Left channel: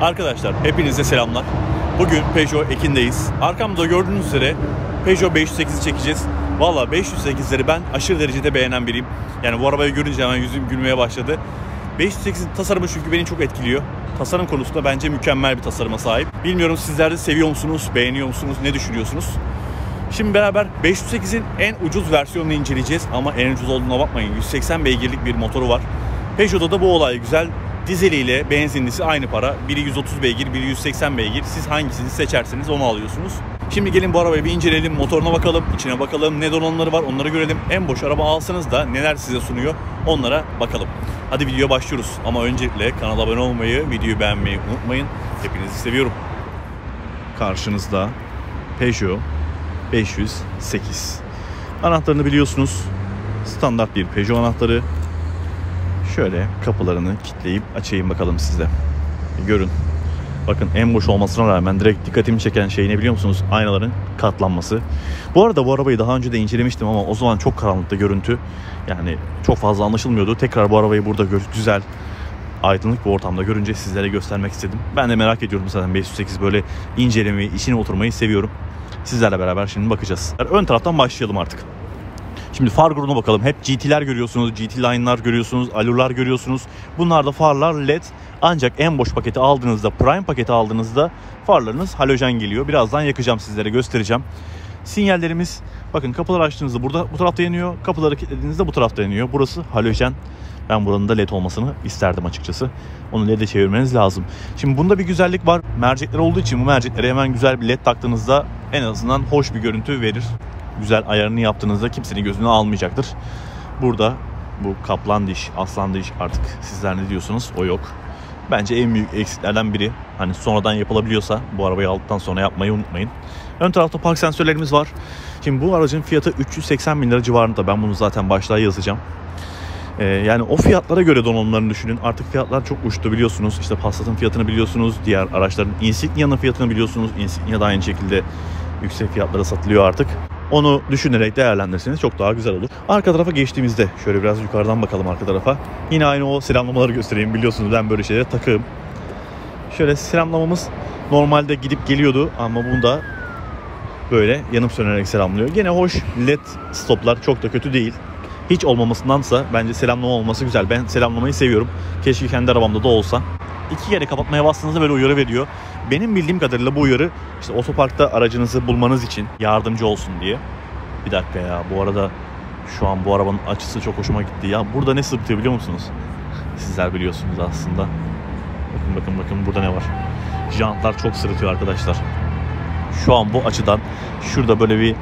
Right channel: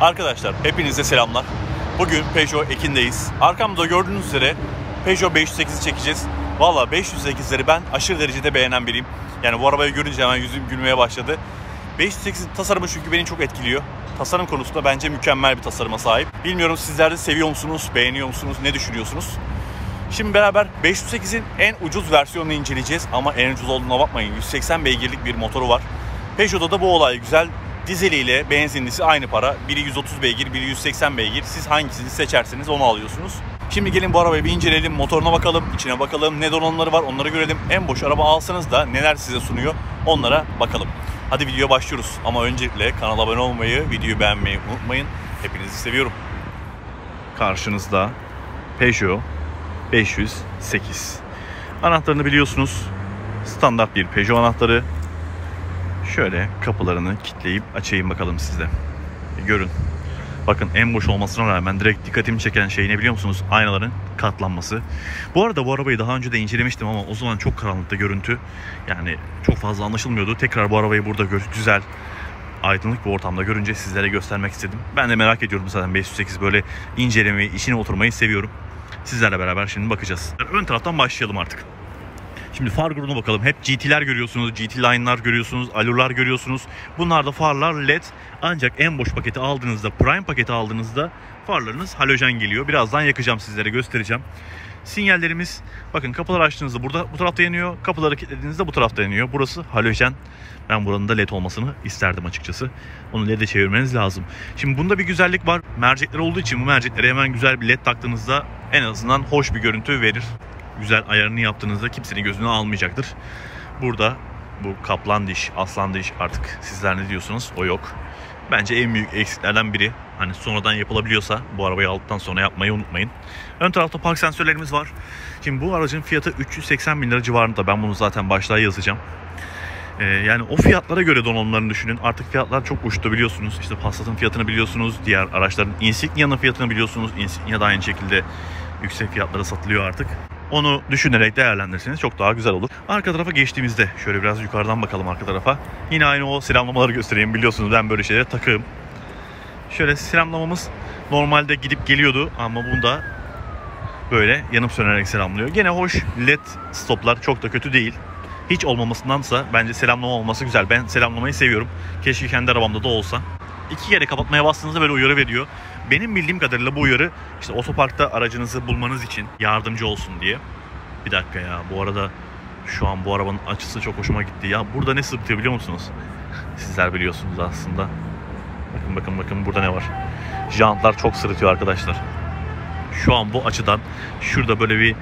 Arkadaşlar hepinize selamlar. Bugün Peugeot Ekin'deyiz. Arkamda gördüğünüz üzere Peugeot 508'i çekeceğiz. Valla 508'leri ben aşırı derecede beğenen biriyim. Yani bu arabayı görünce hemen yüzüm gülmeye başladı. 508'in tasarımı çünkü beni çok etkiliyor. Tasarım konusunda bence mükemmel bir tasarıma sahip. Bilmiyorum sizler de seviyor musunuz, beğeniyor musunuz, ne düşünüyorsunuz? Şimdi beraber 508'in en ucuz versiyonunu inceleyeceğiz. Ama en ucuz olduğuna bakmayın. 180 beygirlik bir motoru var. Peugeot'da da bu olay güzel. Dizeliyle benzinlisi aynı para. Biri 130 beygir, biri 180 beygir. Siz hangisini seçerseniz onu alıyorsunuz. Şimdi gelin bu arabayı bir inceleyelim. Motoruna bakalım, içine bakalım. Ne donanımları var onları görelim. En boş araba alsanız da neler size sunuyor onlara bakalım. Hadi videoya başlıyoruz. Ama öncelikle kanala abone olmayı, videoyu beğenmeyi unutmayın. Hepinizi seviyorum. Karşınızda Peugeot 508. Anahtarını biliyorsunuz. Standart bir Peugeot anahtarı. Şöyle kapılarını kilitleyip açayım bakalım size. Görün. Bakın en boş olmasına rağmen direkt dikkatimi çeken şey ne biliyor musunuz? Aynaların katlanması. Bu arada bu arabayı daha önce de incelemiştim ama o zaman çok karanlıkta görüntü. Yani çok fazla anlaşılmıyordu. Tekrar bu arabayı burada güzel, aydınlık bir ortamda görünce sizlere göstermek istedim. Ben de merak ediyorum zaten 508 böyle incelemeyi, işine oturmayı seviyorum. Sizlerle beraber şimdi bakacağız. Ön taraftan başlayalım artık. Şimdi far grubuna bakalım. Hep GT'ler görüyorsunuz, GT Line'lar görüyorsunuz, Allur'lar görüyorsunuz. Bunlar da farlar LED. Ancak en boş paketi aldığınızda, Prime paketi aldığınızda farlarınız halojen geliyor. Birazdan yakacağım sizlere, göstereceğim. Sinyallerimiz, bakın kapıları açtığınızda burada bu tarafta yanıyor. Kapıları kilitlediğinizde bu tarafta yanıyor. Burası halojen. Ben buranın da LED olmasını isterdim açıkçası. Onu LED'e çevirmeniz lazım. Şimdi bunda bir güzellik var. Mercekler olduğu için bu merceklere hemen güzel bir LED taktığınızda en azından hoş bir görüntü verir. Güzel ayarını yaptığınızda kimsenin gözünü almayacaktır. Burada bu kaplan diş, aslan diş, artık sizler ne diyorsunuz, o yok. Bence en büyük eksiklerden biri. Hani sonradan yapılabiliyorsa bu arabayı aldıktan sonra yapmayı unutmayın. Ön tarafta park sensörlerimiz var. Şimdi bu aracın fiyatı 380 bin lira civarında. Ben bunu zaten başlığa yazacağım. Yani o fiyatlara göre donanımlarını düşünün. Artık fiyatlar çok uçtu biliyorsunuz. İşte Passat'ın fiyatını biliyorsunuz. Diğer araçların, Insignia'nın fiyatını biliyorsunuz. Insignia da aynı şekilde yüksek fiyatlara satılıyor artık. Onu düşünerek değerlendirseniz çok daha güzel olur. Arka tarafa geçtiğimizde şöyle biraz yukarıdan bakalım arka tarafa. Yine aynı o selamlamaları göstereyim. Biliyorsunuz ben böyle şeylere takığım. Şöyle selamlamamız normalde gidip geliyordu ama bunda böyle yanıp sönerek selamlıyor. Gene hoş, LED stoplar çok da kötü değil. Hiç olmamasındansa bence selamlama olması güzel. Ben selamlamayı seviyorum. Keşke kendi arabamda da olsa. 2 kere kapatmaya bastığınızda böyle uyarı veriyor. Benim bildiğim kadarıyla bu uyarı işte otoparkta aracınızı bulmanız için yardımcı olsun diye. Bir dakika ya, bu arada şu an bu arabanın açısı çok hoşuma gitti. Ya burada ne sırıtıyor biliyor musunuz? Sizler biliyorsunuz aslında. Bakın burada ne var? Jantlar çok sırıtıyor arkadaşlar. Şu an bu açıdan şurada böyle bir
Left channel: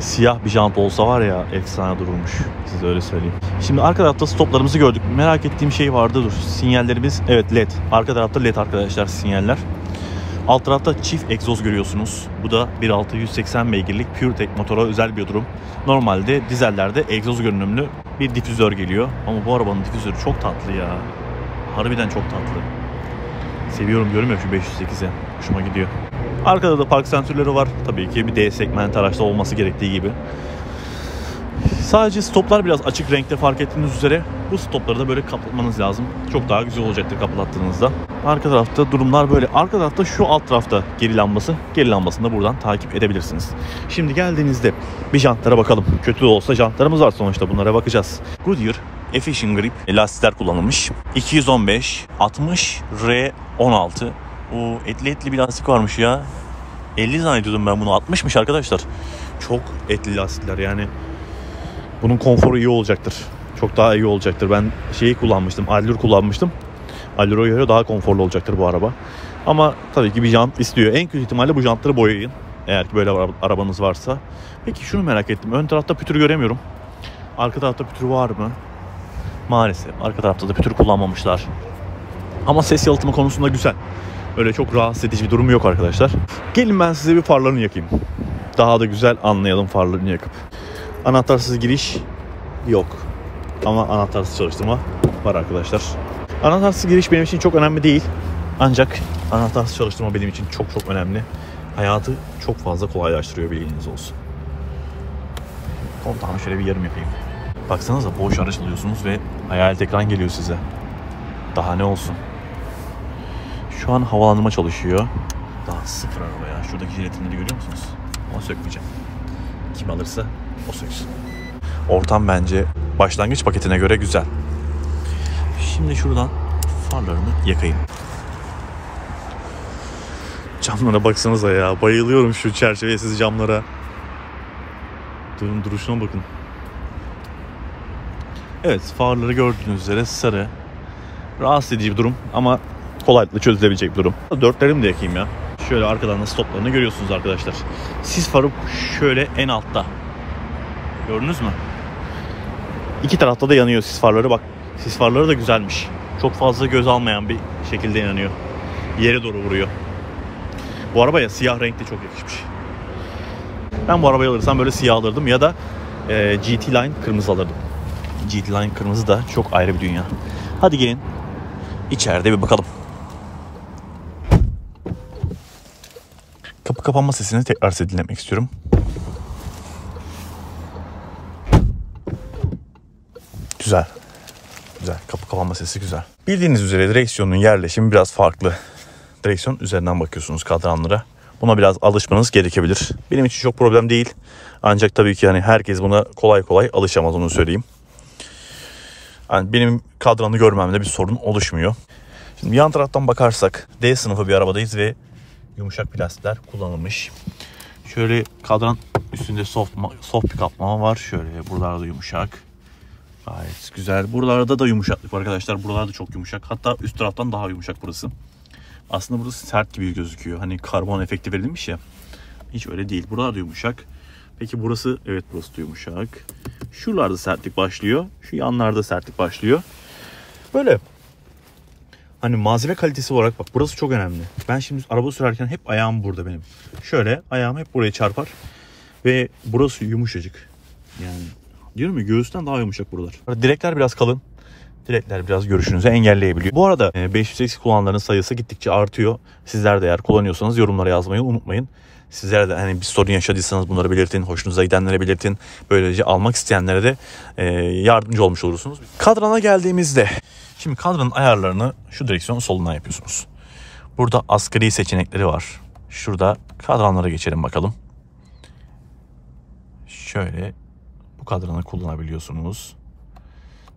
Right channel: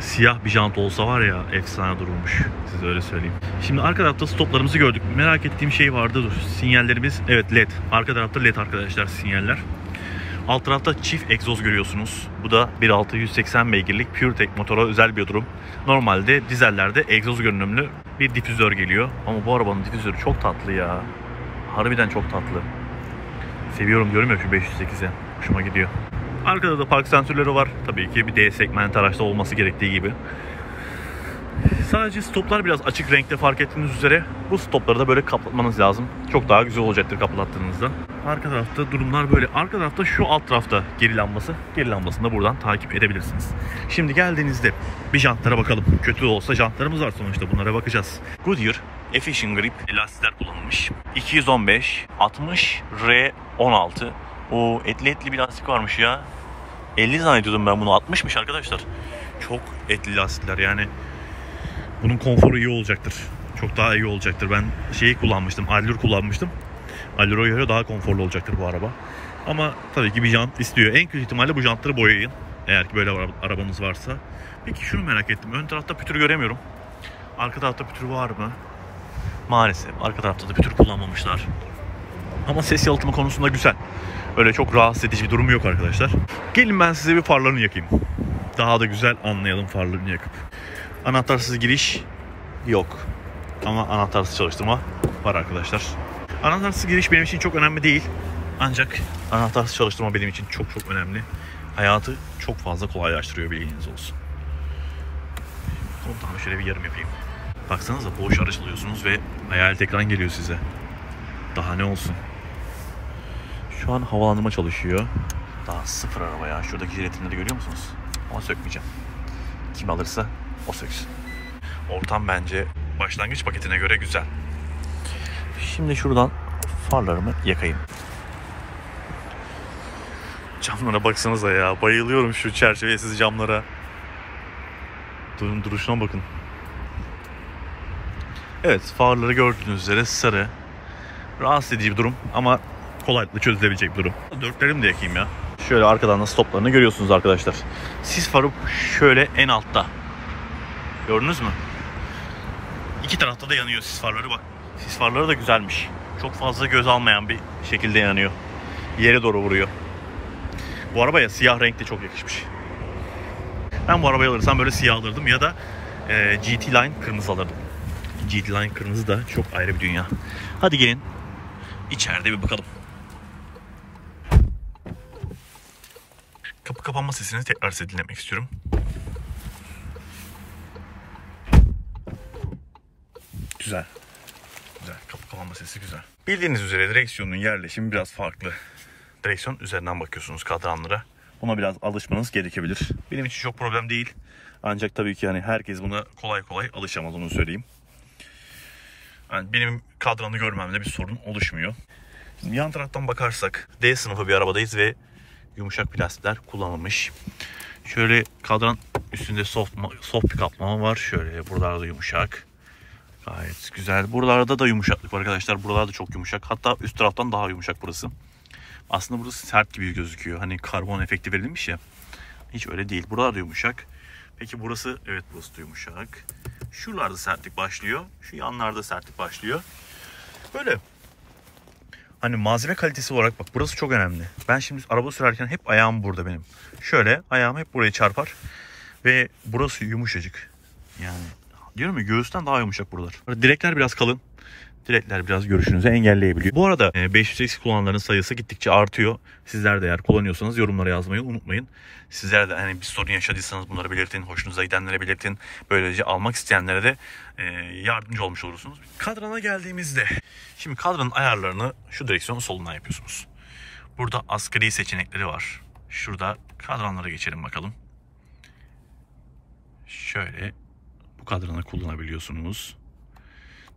siyah bir jant olsa var ya, efsane dururmuş. Size öyle söyleyeyim. Şimdi arka tarafta stoplarımızı gördük. Merak ettiğim şey vardı, dur. Sinyallerimiz evet LED. Arka tarafta LED arkadaşlar sinyaller. Alt tarafta çift egzoz görüyorsunuz. Bu da 1.6 180 beygirlik PureTech motora özel bir durum. Normalde dizellerde egzoz görünümlü bir difüzör geliyor. Ama bu arabanın difüzörü çok tatlı ya. Harbiden çok tatlı. Seviyorum diyorum ya şu 508'e. Hoşuma gidiyor. Arkada da park sensörleri var. Tabii ki bir D segment araçta olması gerektiği gibi. Sadece stoplar biraz açık renkte, fark ettiğiniz üzere. Bu stopları da böyle kapatmanız lazım. Çok daha güzel olacaktır kapattığınızda. Arka tarafta durumlar böyle. Arka tarafta şu alt tarafta geri lambası. Geri lambasını da buradan takip edebilirsiniz. Şimdi geldiğinizde bir jantlara bakalım. Kötü de olsa jantlarımız var sonuçta, bunlara bakacağız. Goodyear Efficient Grip lastikler kullanılmış. 215 60 R16. O etli bir lastik varmış ya. 50 zannediyordum ben bunu. 60'mış arkadaşlar. Çok etli lastikler yani. Bunun konforu iyi olacaktır. Çok daha iyi olacaktır. Ben şeyi kullanmıştım. Allur kullanmıştım. Allur'a göre daha konforlu olacaktır bu araba. Ama tabii ki bir jant istiyor. En kötü ihtimalle bu jantları boyayın. Eğer ki böyle arabanız varsa. Peki şunu merak ettim. Ön tarafta pütür göremiyorum. Arka tarafta pütür var mı? Maalesef. Arka tarafta da pütür kullanmamışlar. Ama ses yalıtımı konusunda güzel. Öyle çok rahatsız edici bir durum yok arkadaşlar. Gelin ben size bir farlarını yakayım. Daha da güzel anlayalım farlarını yakıp. Anahtarsız giriş yok. Ama anahtarsız çalıştırma var arkadaşlar. Anahtarsız giriş benim için çok önemli değil. Ancak anahtarsız çalıştırma benim için çok önemli. Hayatı çok fazla kolaylaştırıyor, bilginiz olsun. Kontağını şöyle bir yarım yapayım. Baksanıza boş araç alıyorsunuz ve hayalet ekran geliyor size. Daha ne olsun. Şu an havalandırma çalışıyor. Daha sıfır araba ya. Şuradaki jelatinleri görüyor musunuz? Ama sökmeyeceğim. Kim alırsa o söksün. Ortam bence başlangıç paketine göre güzel. Şimdi şuradan farlarımı yakayım. Camlara baksanıza ya. Bayılıyorum şu çerçevesiz camlara. Duruşuna bakın. Evet, farları gördüğünüz üzere sarı. Rahatsız edici bir durum ama kolaylıkla çözülebilecek bir durum. Dörtlerimi de yakayım ya. Şöyle arkadan da stoplarını görüyorsunuz arkadaşlar. Sis farı şöyle en altta. Gördünüz mü? İki tarafta da yanıyor sis farları. Bak, sis farları da güzelmiş. Çok fazla göz almayan bir şekilde yanıyor. Yere doğru vuruyor. Bu arabaya siyah renk de çok yakışmış. Ben bu arabayı alırsam böyle siyah alırdım ya da GT Line kırmızı alırdım. GT Line kırmızı da çok ayrı bir dünya. Hadi gelin içeride bir bakalım. Kapı kapanma sesini tekrar size dinlemek istiyorum. Güzel. Güzel. Kapı kapanma sesi güzel. Bildiğiniz üzere direksiyonun yerleşimi biraz farklı. Direksiyon üzerinden bakıyorsunuz kadranlara. Buna biraz alışmanız gerekebilir. Benim için çok problem değil. Ancak tabii ki yani herkes buna kolay kolay alışamaz, onu söyleyeyim. Yani benim kadranı görmemde bir sorun oluşmuyor. Şimdi yan taraftan bakarsak D sınıfı bir arabadayız ve yumuşak plastikler kullanılmış. Şöyle kadran üstünde soft bir kaplama var. Şöyle buralarda yumuşak. Gayet güzel. Buralarda da yumuşaklık var arkadaşlar. Buralarda çok yumuşak. Hatta üst taraftan daha yumuşak burası. Aslında burası sert gibi gözüküyor. Hani karbon efekti verilmiş ya. Hiç öyle değil. Buralarda yumuşak. Peki burası? Evet, burası da yumuşak. Şuralarda sertlik başlıyor. Şu yanlarda sertlik başlıyor. Böyle. Hani malzeme kalitesi olarak bak, burası çok önemli. Ben şimdi araba sürerken hep ayağım burada benim. Şöyle ayağım hep buraya çarpar. Ve burası yumuşacık. Yani diyorum ya, göğüsten daha yumuşak buralar. Direkler biraz kalın. Direkler biraz görüşünüzü engelleyebiliyor. Bu arada 508 kullananların sayısı gittikçe artıyor. Sizler de eğer kullanıyorsanız yorumlara yazmayı unutmayın. Sizler de hani bir sorun yaşadıysanız bunları belirtin. Hoşunuza gidenlere belirtin. Böylece almak isteyenlere de yardımcı olmuş olursunuz. Kadrana geldiğimizde, şimdi kadranın ayarlarını şu direksiyonun solundan yapıyorsunuz. Burada asgari seçenekleri var. Şurada kadranlara geçelim bakalım. Şöyle bu kadranı kullanabiliyorsunuz.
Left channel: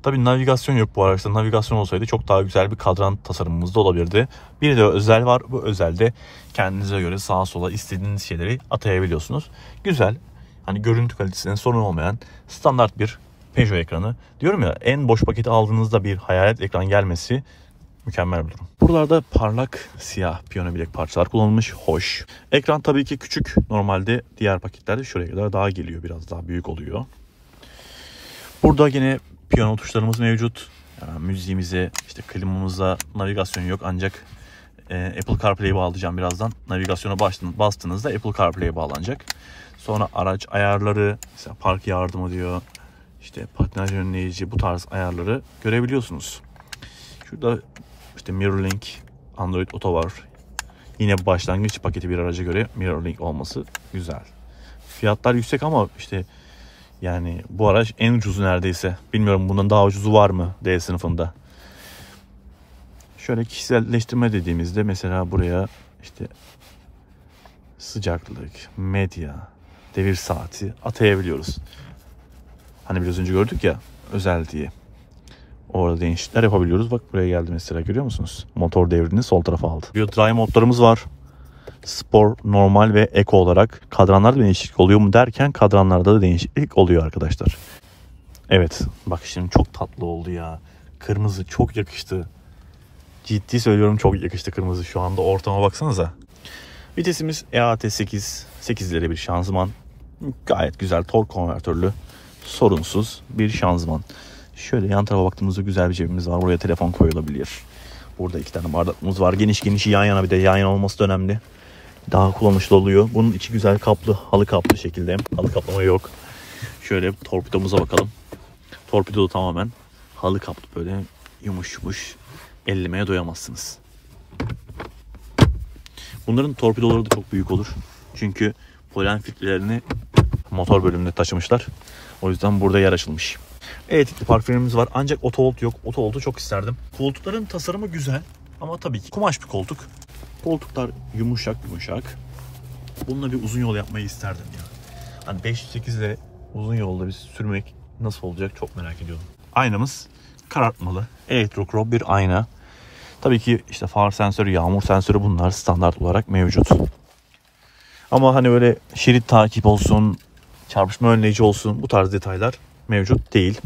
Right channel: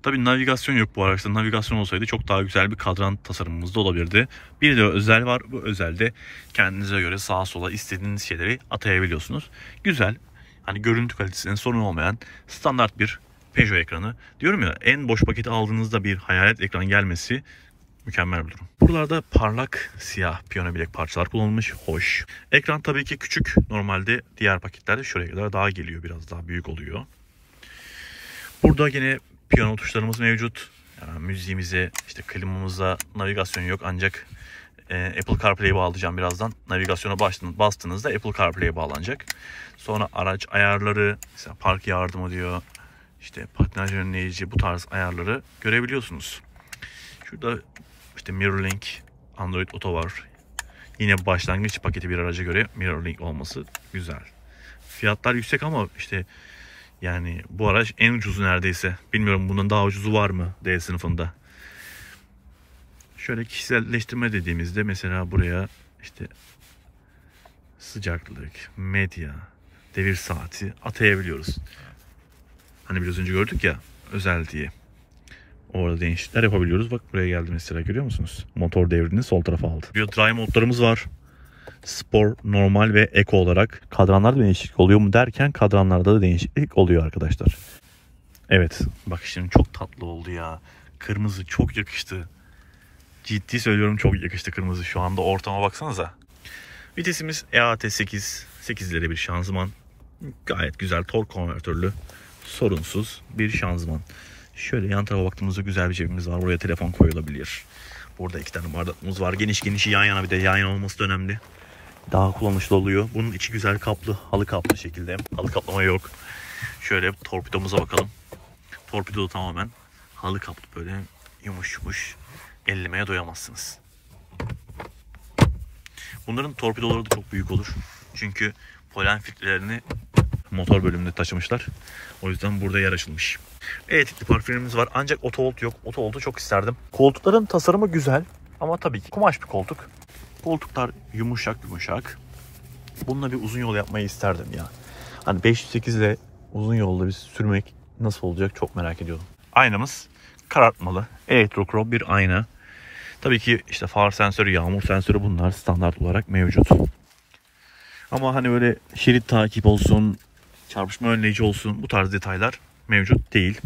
Tabii navigasyon yok bu araçta. Navigasyon olsaydı çok daha güzel bir kadran tasarımımız da olabilirdi. Bir de özel var. Bu özelde kendinize göre sağa sola istediğiniz şeyleri atayabiliyorsunuz. Güzel. Hani görüntü kalitesinin sorun olmayan standart bir Peugeot ekranı. Diyorum ya, en boş paketi aldığınızda bir hayalet ekran gelmesi mükemmel bir durum. Buralarda parlak siyah piyano bilek parçalar kullanılmış. Hoş. Ekran tabii ki küçük. Normalde diğer paketlerde şuraya kadar daha geliyor. Biraz daha büyük oluyor. Burada yine piyano tuşlarımız mevcut. Yani müziğimize, işte klimamıza navigasyon yok, ancak Apple CarPlay'i bağlayacağım birazdan. Navigasyona bastığınızda Apple CarPlay'e bağlanacak. Sonra araç ayarları, mesela park yardımı diyor, işte patinaj önleyici, bu tarz ayarları görebiliyorsunuz. Şurada işte MirrorLink, Android Auto var. Yine başlangıç paketi bir araca göre MirrorLink olması güzel. Fiyatlar yüksek ama işte yani bu araç en ucuzu neredeyse. Bilmiyorum bundan daha ucuzu var mı D sınıfında. Şöyle kişiselleştirme dediğimizde mesela buraya işte sıcaklık, medya, devir saati atayabiliyoruz. Hani biraz önce gördük ya, özel diye. Orada değişiklikler yapabiliyoruz. Bak buraya geldi mesela, görüyor musunuz? Motor devrini sol tarafa aldı. Bir drive modlarımız var. Spor, normal ve eko olarak. Kadranlarda değişiklik oluyor mu derken kadranlarda da değişiklik oluyor arkadaşlar. Evet, bak şimdi çok tatlı oldu ya. Kırmızı çok yakıştı. Ciddi söylüyorum, çok yakıştı kırmızı. Şu anda ortama baksanıza. Vitesimiz EAT8. 8'lere bir şanzıman. Gayet güzel tork konvertörlü. Sorunsuz bir şanzıman. Şöyle yan tarafa baktığımızda güzel bir cebimiz var. Buraya telefon koyulabilir. Burada 2 tane bardağımız var. Geniş geniş yan yana, bir de yan yana olması da önemli. Daha kullanışlı oluyor. Bunun içi güzel kaplı, halı kaplı şekilde. Halı kaplama yok. Şöyle torpidomuza bakalım. Torpido tamamen halı kaplı, böyle yumuş yumuş. Ellemeye doyamazsınız. Bunların torpidoları da çok büyük olur. Çünkü polen filtrelerini motor bölümünde taşımışlar. O yüzden burada yer açılmış. Elektrikli park frenimiz var ancak otohold yok. Otohold'u çok isterdim. Koltukların tasarımı güzel ama tabii ki kumaş bir koltuk. Koltuklar yumuşak yumuşak. Bununla bir uzun yol yapmayı isterdim ya. Hani 508 ile uzun yolda bir sürmek nasıl olacak çok merak ediyorum. Aynamız karartmalı. Elektrokrom bir ayna. Tabii ki işte far sensörü, yağmur sensörü bunlar standart olarak mevcut. Ama hani öyle şerit takip olsun, çarpışma önleyici olsun bu tarz detaylar mevcut değil.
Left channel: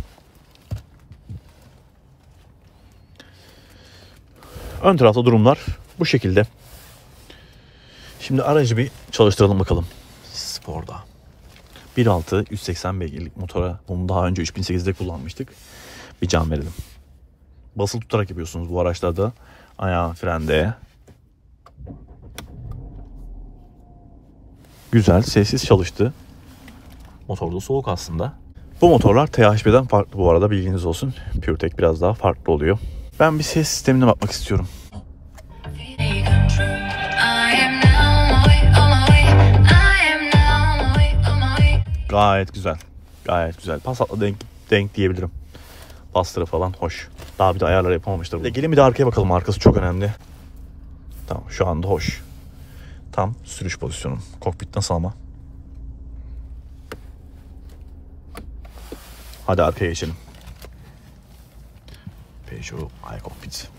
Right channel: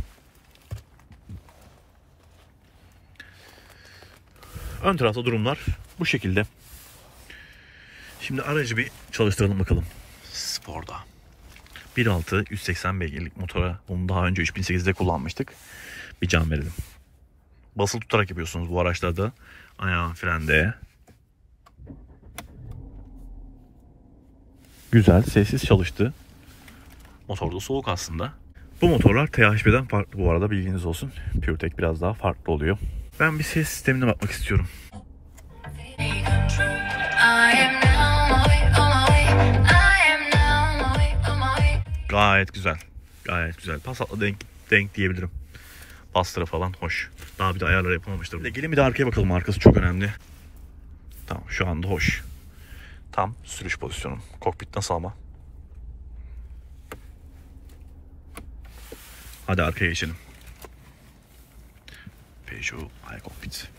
Ön tarafta durumlar bu şekilde. Şimdi aracı bir çalıştıralım bakalım. Spor'da. 1.6 180 beygirlik motora. Bunu daha önce 3008'de kullanmıştık. Bir can verelim. Basılı tutarak yapıyorsunuz bu araçlarda. Ayağın frende. Güzel, sessiz çalıştı. Motor da soğuk aslında. Bu motorlar THP'den farklı bu arada, bilginiz olsun. PureTech biraz daha farklı oluyor. Ben bir ses sistemine bakmak istiyorum. Gayet güzel. Gayet güzel. Passat'la denk diyebilirim. Bastırı falan hoş. Daha bir de ayarlar yapamamıştır. Gelin bir de arkaya bakalım. Arkası çok önemli. Tamam, şu anda hoş. Tam sürüş pozisyonum. Kokpit nasıl ama? Hadi arkaya geçelim. Peugeot iCockpit.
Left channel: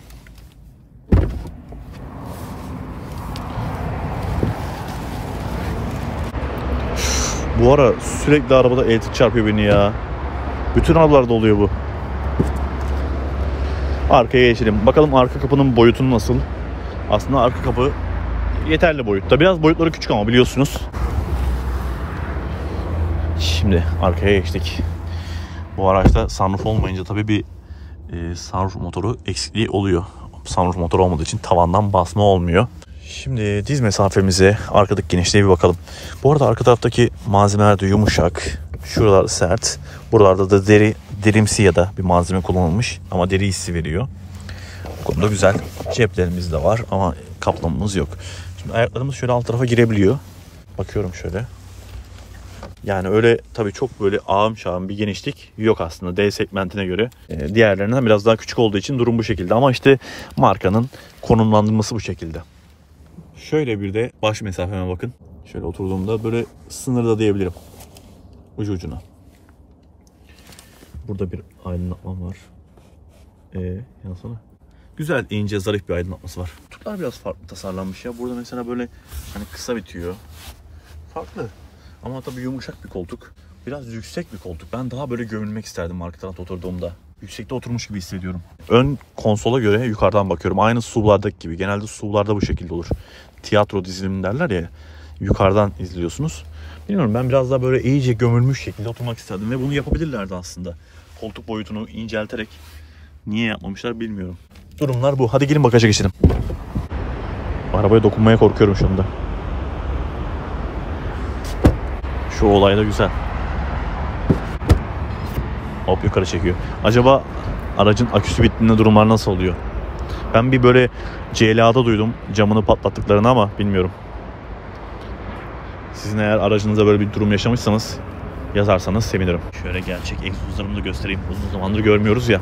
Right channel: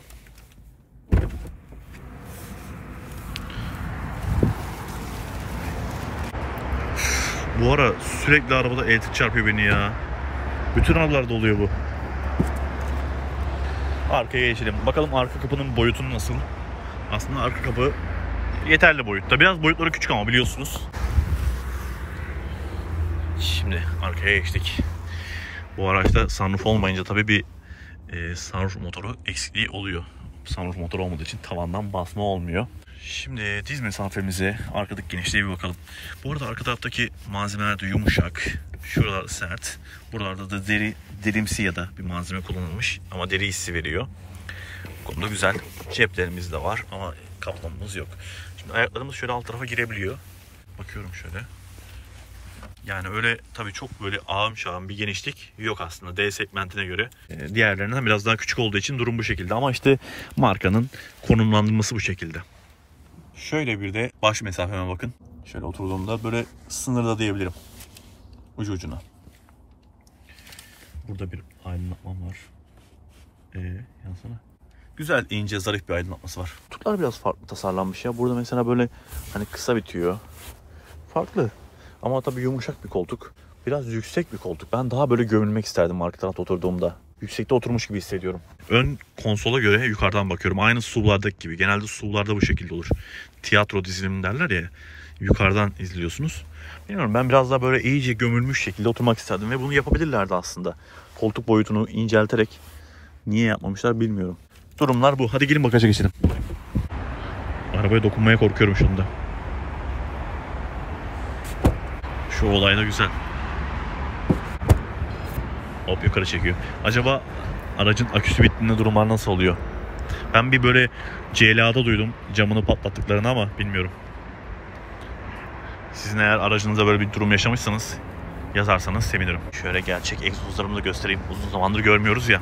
Bu ara sürekli arabada elektrik çarpıyor beni ya. Bütün arabalarda oluyor bu. Arkaya geçelim. Bakalım arka kapının boyutu nasıl? Aslında arka kapı yeterli boyutta. Biraz boyutları küçük ama biliyorsunuz. Şimdi arkaya geçtik. Bu araçta sunroof olmayınca tabii bir sunroof motoru eksikliği oluyor. Sunroof motoru olmadığı için tavandan basma olmuyor. Şimdi diz mesafemize, arkadaki genişliğe bir bakalım. Bu arada arka taraftaki malzemeler de yumuşak. Şuralar sert. Buralarda da derimsi ya da bir malzeme kullanılmış ama deri hissi veriyor. Bu konuda güzel. Ceplerimiz de var ama kaplamamız yok. Şimdi ayaklarımız şöyle alt tarafa girebiliyor. Bakıyorum şöyle. Yani öyle tabii çok böyle ağım şağım bir genişlik yok aslında D segmentine göre. Diğerlerinden biraz daha küçük olduğu için durum bu şekilde. Ama işte markanın konumlandırması bu şekilde. Şöyle bir de baş mesafeme bakın. Şöyle oturduğumda böyle sınırda diyebilirim. Ucu ucuna. Burada bir aydınlatmam var. Yansana. Güzel, ince, zarif bir aydınlatması var. Kutular biraz farklı tasarlanmış ya. Burada mesela böyle hani kısa bitiyor. Farklı. Ama tabii yumuşak bir koltuk. Biraz yüksek bir koltuk. Ben daha böyle gömülmek isterdim arka tarafta oturduğumda. Yüksekte oturmuş gibi hissediyorum. Ön konsola göre yukarıdan bakıyorum. Aynı SUV'lardaki gibi. Genelde SUV'larda bu şekilde olur. Tiyatro dizilimi derler ya. Yukarıdan izliyorsunuz. Bilmiyorum, ben biraz daha böyle iyice gömülmüş şekilde oturmak isterdim. Ve bunu yapabilirlerdi aslında. Koltuk boyutunu incelterek. Niye yapmamışlar bilmiyorum. Durumlar bu. Hadi gelin bagaja geçelim. Arabaya dokunmaya korkuyorum şu anda. Şu olay da güzel. Hop yukarı çekiyor. Acaba aracın aküsü bittiğinde durumlar nasıl oluyor? Ben bir böyle CLA'da duydum camını patlattıklarını ama bilmiyorum. Sizin eğer aracınızda böyle bir durum yaşamışsanız yazarsanız sevinirim. Şöyle gerçek egzozlarımı da göstereyim. Uzun zamandır görmüyoruz ya.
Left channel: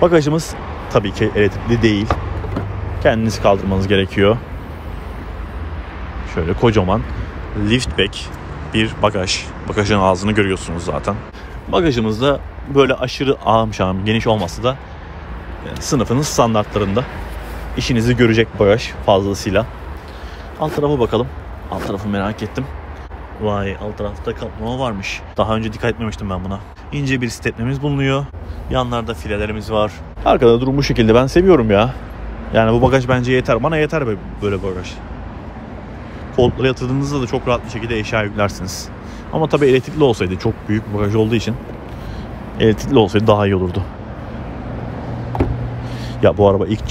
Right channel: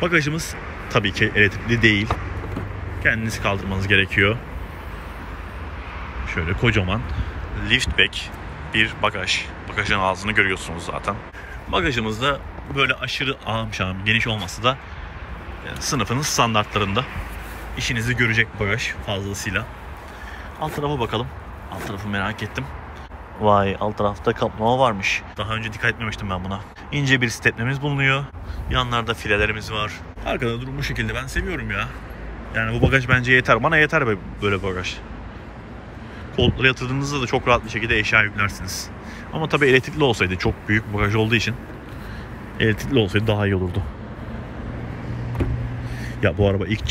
Bagajımız tabii ki elektrikli değil. Kendiniz kaldırmanız gerekiyor. Şöyle kocaman liftback bir bagaj. Bagajın ağzını görüyorsunuz zaten. Bagajımızda böyle aşırı ağım şağım geniş olmasa da sınıfının standartlarında işinizi görecek bagaj fazlasıyla. Alt tarafa bakalım. Alt tarafı merak ettim. Vay, alt tarafta kaplama varmış. Daha önce dikkat etmemiştim ben buna. İnce bir stepnemiz bulunuyor. Yanlarda filelerimiz var. Arkada durum bu şekilde. Ben seviyorum ya. Yani bu bagaj bence yeter. Bana yeter böyle bagaj. Koltuklara yatırdığınızda da çok rahat bir şekilde eşya yüklersiniz. Ama tabii elektrikli olsaydı, çok büyük bir bagaj olduğu için elektrikli olsaydı daha iyi olurdu. Ya bu araba ilk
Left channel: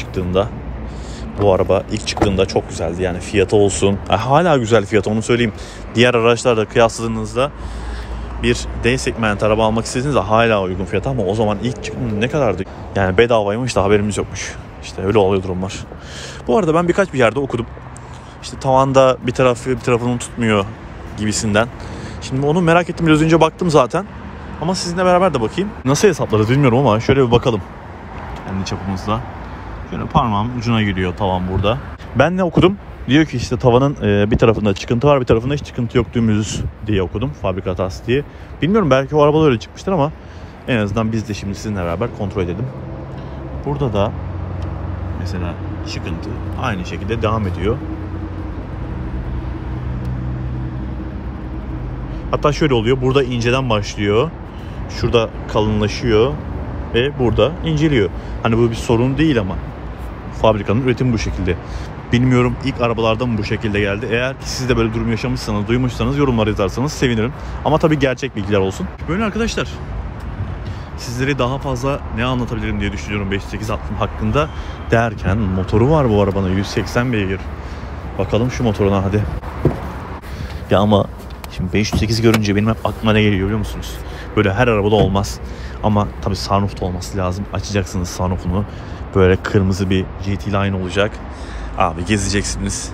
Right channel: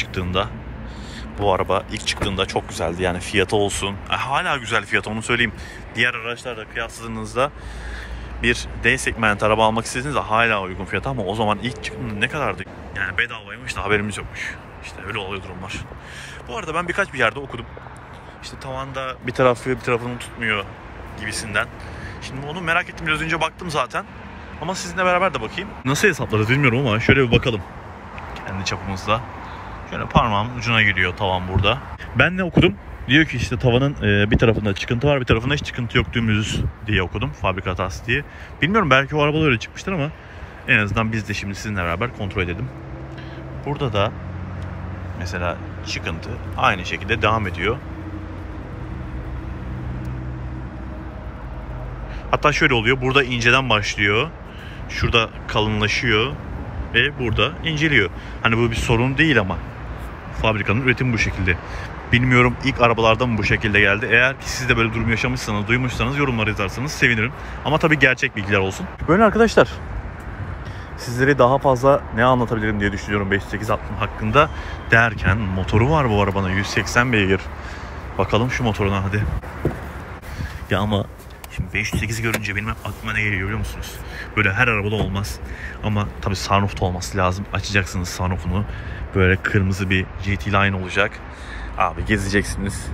çıktığında çok güzeldi. Yani fiyatı olsun. Hala güzel fiyatı, onu söyleyeyim. Diğer araçlarla kıyasladığınızda bir D segment araba almak istediğinizde hala uygun fiyatı ama o zaman ilk çıktığında ne kadardı? Yani bedavaymış da haberimiz yokmuş. İşte öyle oluyor durumlar. Bu arada ben birkaç bir yerde okudum. İşte tavanda bir tarafını tutmuyor gibisinden. Şimdi onu merak ettim, biraz önce baktım zaten. Ama sizinle beraber de bakayım. Nasıl hesaplarız bilmiyorum ama şöyle bir bakalım. Kendi çapımızda. Şöyle parmağım ucuna gidiyor tavan burada. Ben ne okudum? Diyor ki işte tavanın bir tarafında çıkıntı var, bir tarafında hiç çıkıntı yok, dümdüz diye okudum. Fabrika hatası diye. Bilmiyorum, belki o arabada öyle çıkmıştır ama en azından biz de şimdi sizinle beraber kontrol edelim. Burada da mesela çıkıntı aynı şekilde devam ediyor. Hatta şöyle oluyor. Burada inceden başlıyor. Şurada kalınlaşıyor. Ve burada inceliyor. Hani bu bir sorun değil ama fabrikanın üretimi bu şekilde. Bilmiyorum ilk arabalarda mı bu şekilde geldi. Eğer siz de böyle durum yaşamışsanız, duymuşsanız yorumlara yazarsanız sevinirim. Ama tabii gerçek bilgiler olsun. Böyle arkadaşlar. Sizlere daha fazla ne anlatabilirim diye düşünüyorum 508 hakkında derken motoru var bu arabanın, 180 beygir. Bakalım şu motoruna hadi. Ya ama şimdi 508 görünce benim hep aklıma ne geliyor biliyor musunuz? Böyle her arabada olmaz. Ama tabii sunroof da olması lazım. Açacaksınız sunroofunu. Böyle kırmızı bir GT Line olacak. Abi gezeceksiniz.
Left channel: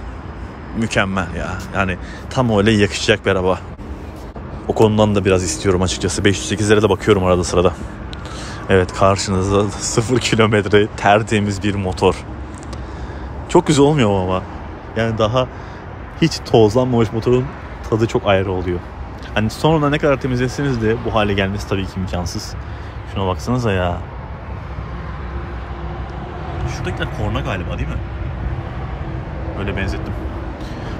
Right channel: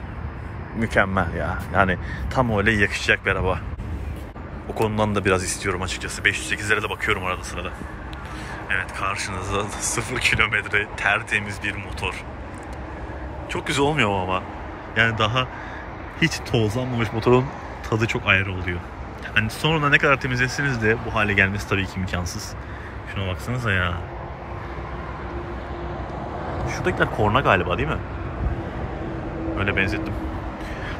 Mükemmel ya. Yani tam öyle yakışacak bir araba. O konudan da biraz istiyorum açıkçası. 508'lere de bakıyorum arada sırada. Evet, karşınızda 0 kilometre tertemiz bir motor. Çok güzel olmuyor mu ama? Yani daha hiç tozlanmamış motorun tadı çok ayrı oluyor. Hani sonra ne kadar temizleseniz de bu hale gelmesi tabii ki imkansız. Şuna baksanıza ya. Şuradakiler korna galiba değil mi? Öyle benzettim.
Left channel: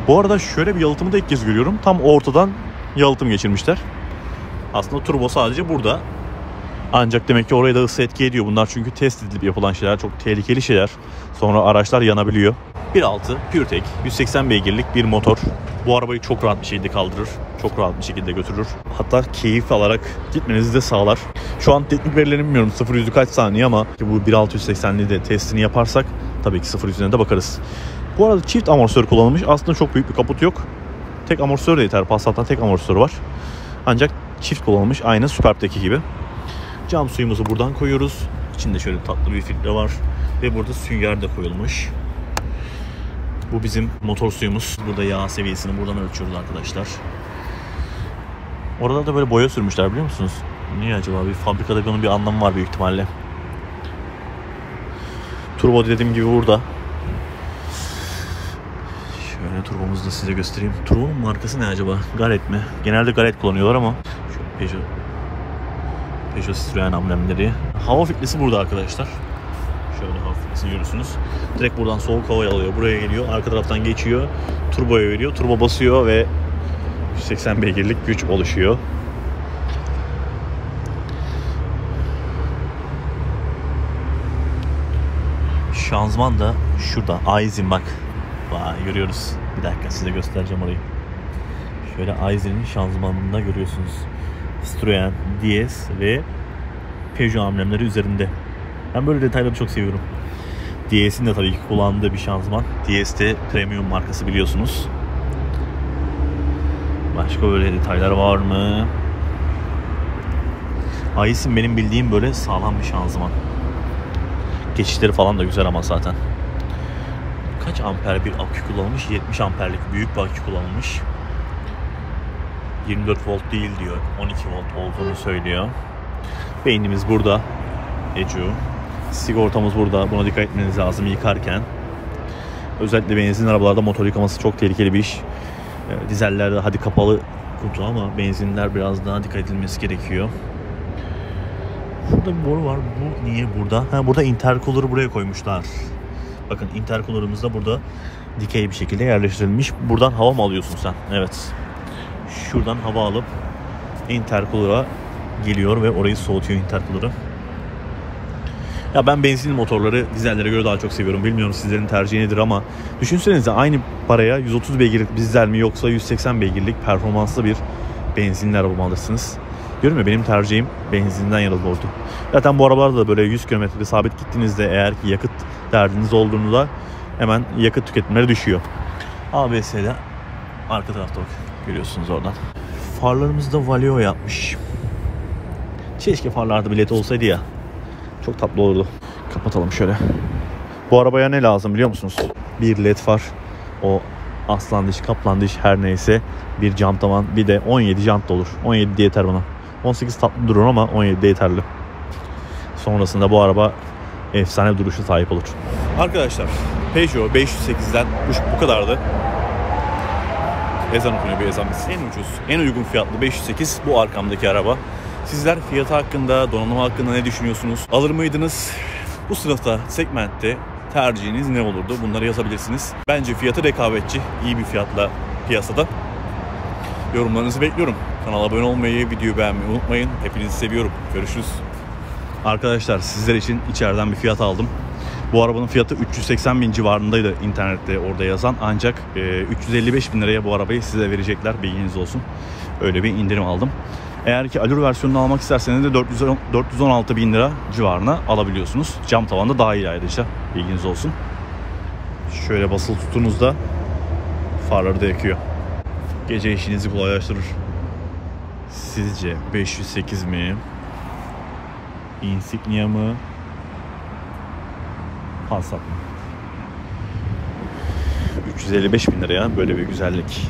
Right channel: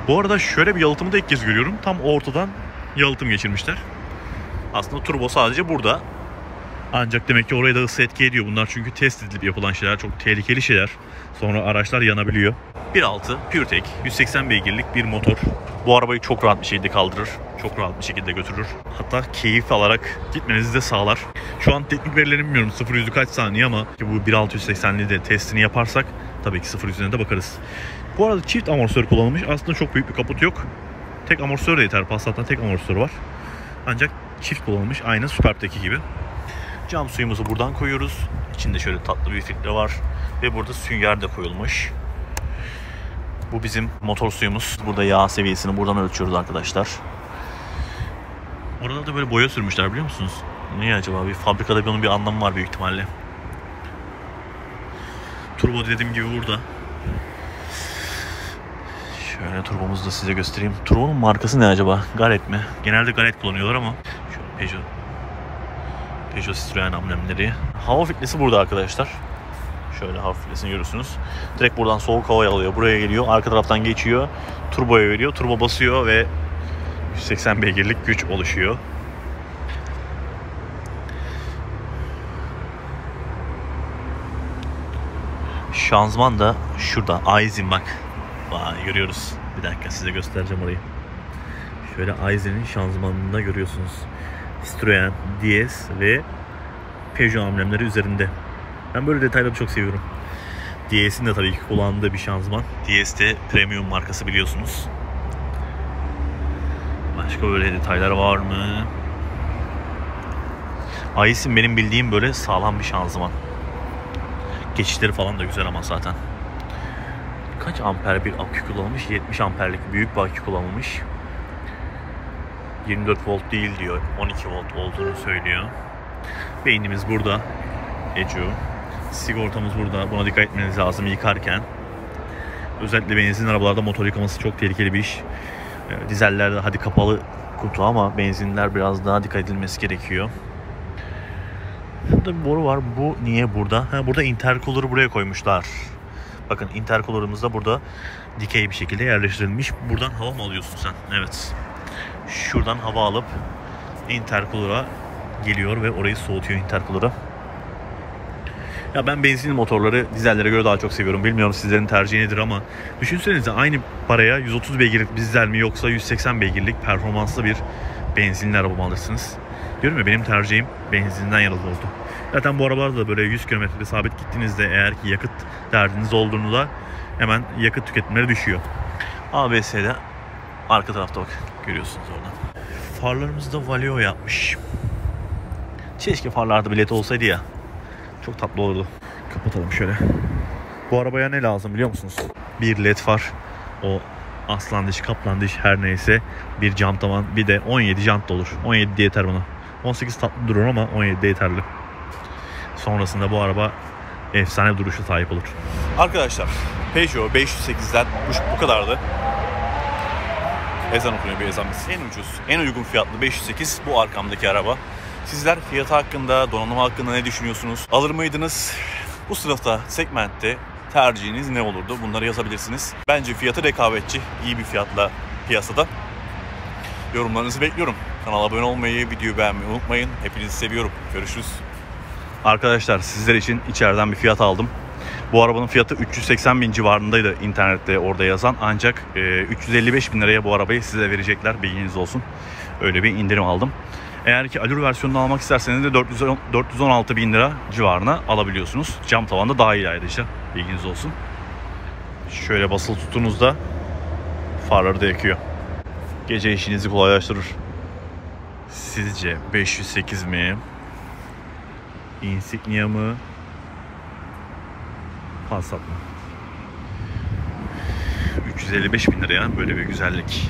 Bu arada şöyle bir yalıtımı da ilk kez görüyorum. Tam ortadan yalıtım geçirmişler. Aslında turbo sadece burada. Ancak demek ki oraya da ısı etki ediyor. Bunlar çünkü test edilip yapılan şeyler. Çok tehlikeli şeyler. Sonra araçlar yanabiliyor. 1.6 PureTech 180 beygirlik bir motor. Bu arabayı çok rahat bir şekilde kaldırır. Çok rahat bir şekilde götürür. Hatta keyif alarak gitmenizi de sağlar. Şu an teknik verilerini bilmiyorum. 0-100'ü kaç saniye ama bu 1.6 180'li de testini yaparsak tabii ki 0-100'üne de bakarız. Bu arada çift amortisör kullanılmış. Aslında çok büyük bir kaput yok. Tek amortisör de yeter. Passat'ta tek amortisör var. Ancak çift kullanılmış. Aynı Superb'deki gibi. Cam suyumuzu buradan koyuyoruz. İçinde şöyle tatlı bir filtre var. Ve burada sünger de koyulmuş. Bu bizim motor suyumuz. Burada yağ seviyesini buradan ölçüyoruz arkadaşlar. Orada da böyle boya sürmüşler biliyor musunuz? Niye acaba? Bir fabrikada bunun bir anlamı var büyük ihtimalle. Turbo dediğim gibi burada. Şöyle turbomuzu da size göstereyim. Turbonun markası ne acaba? Garrett mi? Genelde Garrett kullanıyorlar ama. Şöyle Peugeot Citroen amblemleri. Hava filtresi burada arkadaşlar. Şöyle hava filtresini görürsünüz. Direkt buradan soğuk hava alıyor. Buraya geliyor. Arka taraftan geçiyor. Turboya veriyor. Turbo basıyor ve 180 beygirlik güç oluşuyor. Şanzıman da şurada. Aisin bak. Vay, görüyoruz. Bir dakika size göstereceğim orayı. Şöyle Aisin'in şanzımanında görüyorsunuz. Citroen, DS ve Peugeot amblemleri üzerinde. Ben böyle detayları çok seviyorum. DS'in de tabii ki kullandığı bir şanzıman. DS de premium markası biliyorsunuz. Başka böyle detaylar var mı? Aisin benim bildiğim böyle sağlam bir şanzıman. Geçişleri falan da güzel ama zaten. Kaç amper bir akü kullanılmış? 70 amperlik büyük bir akü kullanılmış. 24 volt değil diyor. 12 volt olduğunu söylüyor. Beynimiz burada. Ecu. Sigortamız burada. Buna dikkat etmeniz lazım yıkarken. Özellikle benzinli arabalarda motor yıkaması çok tehlikeli bir iş. Dizellerde hadi kapalı kutu ama benzinler biraz daha dikkat edilmesi gerekiyor. Şurada bir boru var. Bu niye burada? Burada intercooler'ı buraya koymuşlar. Bakın intercooler'ımız da burada dikey bir şekilde yerleştirilmiş. Buradan hava mı alıyorsun sen? Evet. Şuradan hava alıp intercooler'a geliyor ve orayı soğutuyor intercooler'ı. Ya ben benzinli motorları dizellere göre daha çok seviyorum. Bilmiyorum sizlerin tercihi nedir ama düşünsenize aynı paraya 130 beygirlik dizel mi yoksa 180 beygirlik performanslı bir benzinli araba mı alırsınız? Diyorum ya, benim tercihim benzinden yana oldu. Zaten bu arabalarda da böyle 100 km sabit gittiğinizde eğer ki yakıt derdiniz olduğunda hemen yakıt tüketimleri düşüyor. ABS'de arka tarafta bak görüyorsunuz oradan. Farlarımızı da Valeo yapmış. Keşke farlarda bir led olsaydı ya. Çok tatlı olurdu. Kapatalım şöyle. Bu arabaya ne lazım biliyor musunuz? Bir led far. O aslan diş, kaplan diş her neyse. Bir cam tavan. Bir de 17 jant da olur. 17 de yeter bana. 18 tatlı durur ama 17 de yeterli. Sonrasında bu araba efsane duruşu sahip olur. Arkadaşlar Peugeot 508'den bu kadardı. Ezan okunuyor, bir ezan bitsin. En ucuz, en uygun fiyatlı 508 bu arkamdaki araba. Sizler fiyatı hakkında, donanımı hakkında ne düşünüyorsunuz? Alır mıydınız? Bu sınıfta, segmentte tercihiniz ne olurdu? Bunları yazabilirsiniz. Bence fiyatı rekabetçi, iyi bir fiyatla piyasada. Yorumlarınızı bekliyorum. Kanala abone olmayı, videoyu beğenmeyi unutmayın. Hepinizi seviyorum. Görüşürüz. Arkadaşlar sizler için içeriden bir fiyat aldım. Bu arabanın fiyatı 380 bin civarındaydı internette orada yazan. Ancak 355 bin liraya bu arabayı size verecekler. Bilginiz olsun. Öyle bir indirim aldım. Eğer ki Allure versiyonunu almak isterseniz de 416 bin lira civarına alabiliyorsunuz. Cam tavanda dahil ayrıca. Bilginiz olsun. Şöyle basılı tuttuğunuzda farları da yakıyor. Gece işinizi kolaylaştırır. Sizce 508 mi? Insignia mı? Passat mı? 355 bin liraya böyle bir güzellik.